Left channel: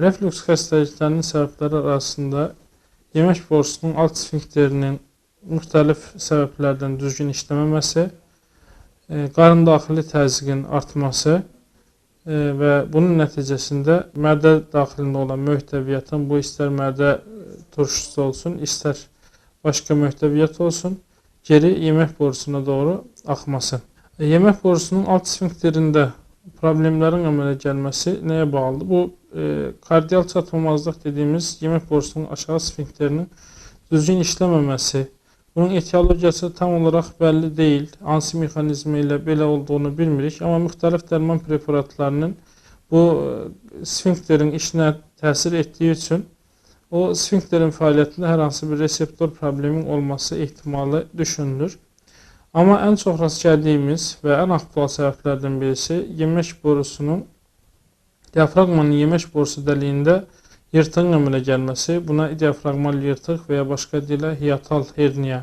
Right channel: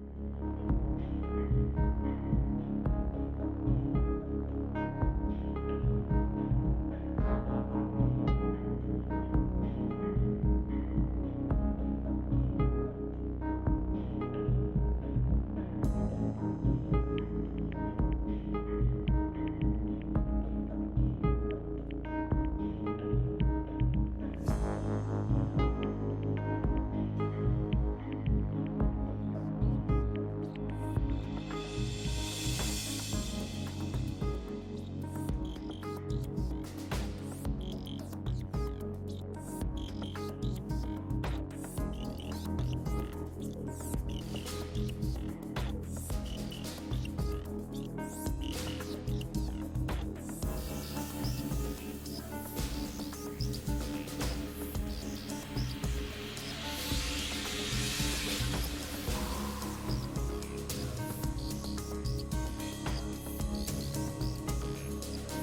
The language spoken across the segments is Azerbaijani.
Reflüks xəstəliklərinin səbəbləri arasında yemək borusunun alt sfinkterinin müxtəlif səbəblərdən düzgün işləməməsi, qarın daxili təzyiqin artması və bunun nəticəsində mədə daxilində olan mühtəviyyatın, bu istər mədə turşusu olsun, istər başqa mühtəviyyat olsun, geri yemək borusuna doğru axması. Yemək borusunun alt sfinkterində problemlərin əmələ gəlməsi nəyə bağlıdır? Bu, kardial çatılmazlıq dediyimiz yemək borusunun aşağı sfinkterinin düzgün işləməməsi, bunun etiologiyası tam olaraq bəlli deyil, hansı mexanizmi ilə belə olduğunu bilmirik, amma müxtəlif dərman preparatlarının bu sfinkterin işinə təsir etdiyi üçün o sfinkterin fəaliyyətində hər hansı bir reseptor problemin olması ehtimalı düşünülür. Amma ən çox rast gəldiyimiz və ən aktual səbəblərdən birisi yemək borusunun, diafraqmanın yemək borusu dəliyində yırtığın əmələ gəlməsi. Buna diafraqmal yırtıq və ya başqa dillə hiatal herniya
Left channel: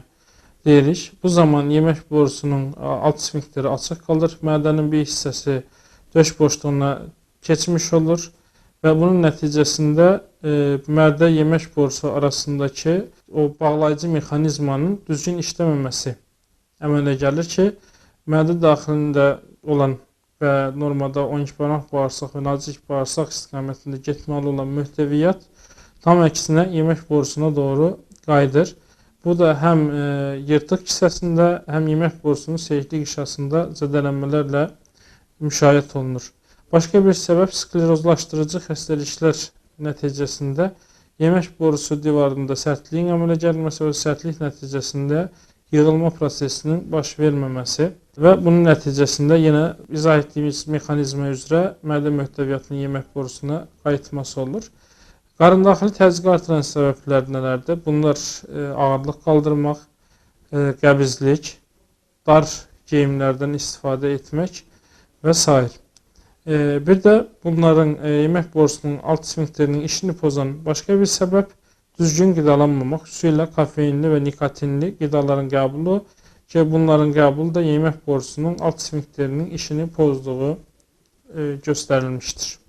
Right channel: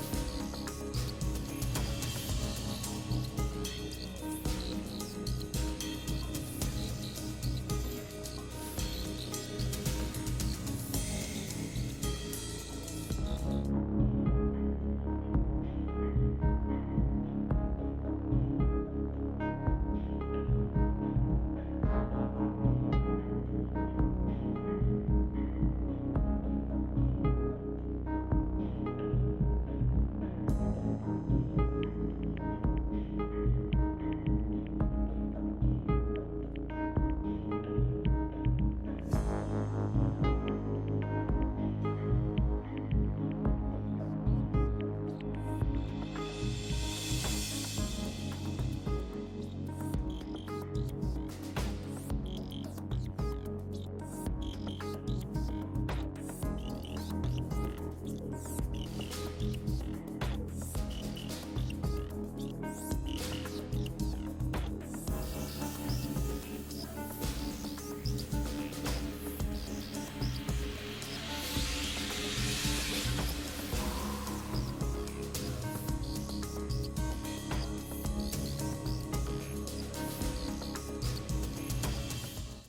deyirik. Bu zaman yemək borusunun alt sfinkteri açıq qalır, mədənin bir hissəsi döş boşluğuna keçmiş olur və bunun nəticəsində mədə yemək borusu arasındakı o bağlayıcı mexanizmanın düzgün işləməməsi əmələ gəlir ki, mədə daxilində olan və normada 12 barmaq bağırsaq və nazik bağırsaq istiqamətində getməli olan mühtəviyyat tam əksinə yemək borusuna doğru qayıdır. Bu da həm yırtıq hissəsində, həm yemək borusunun seyirlik işasında zədələnmələrlə müşahidə olunur. Başqa bir səbəb sklerozlaşdırıcı xəstəliklər nəticəsində yemək borusu divarında sərtliyin əmələ gəlməsi və sərtlik nəticəsində yığılma prosesinin baş verməməsi və bunun nəticəsində yenə izah etdiyimiz mexanizmə üzrə mədə mühtəviyyatının yemək borusuna qayıtması olur. Qarın daxili təzyiqi artıran səbəblər nələrdir? Bunlar ağırlıq qaldırmaq, qəbizlik, dar geyimlərdən istifadə etmək və s. Bir də bunların yemək borusunun alt sfinkterinin işini pozan başqa bir səbəb düzgün qidalanmamaq, xüsusilə kafeinli və nikotinli qidaların qəbulu ki, bunların qəbulu da yemək borusunun alt sfinkterinin işini pozduğu göstərilmişdir.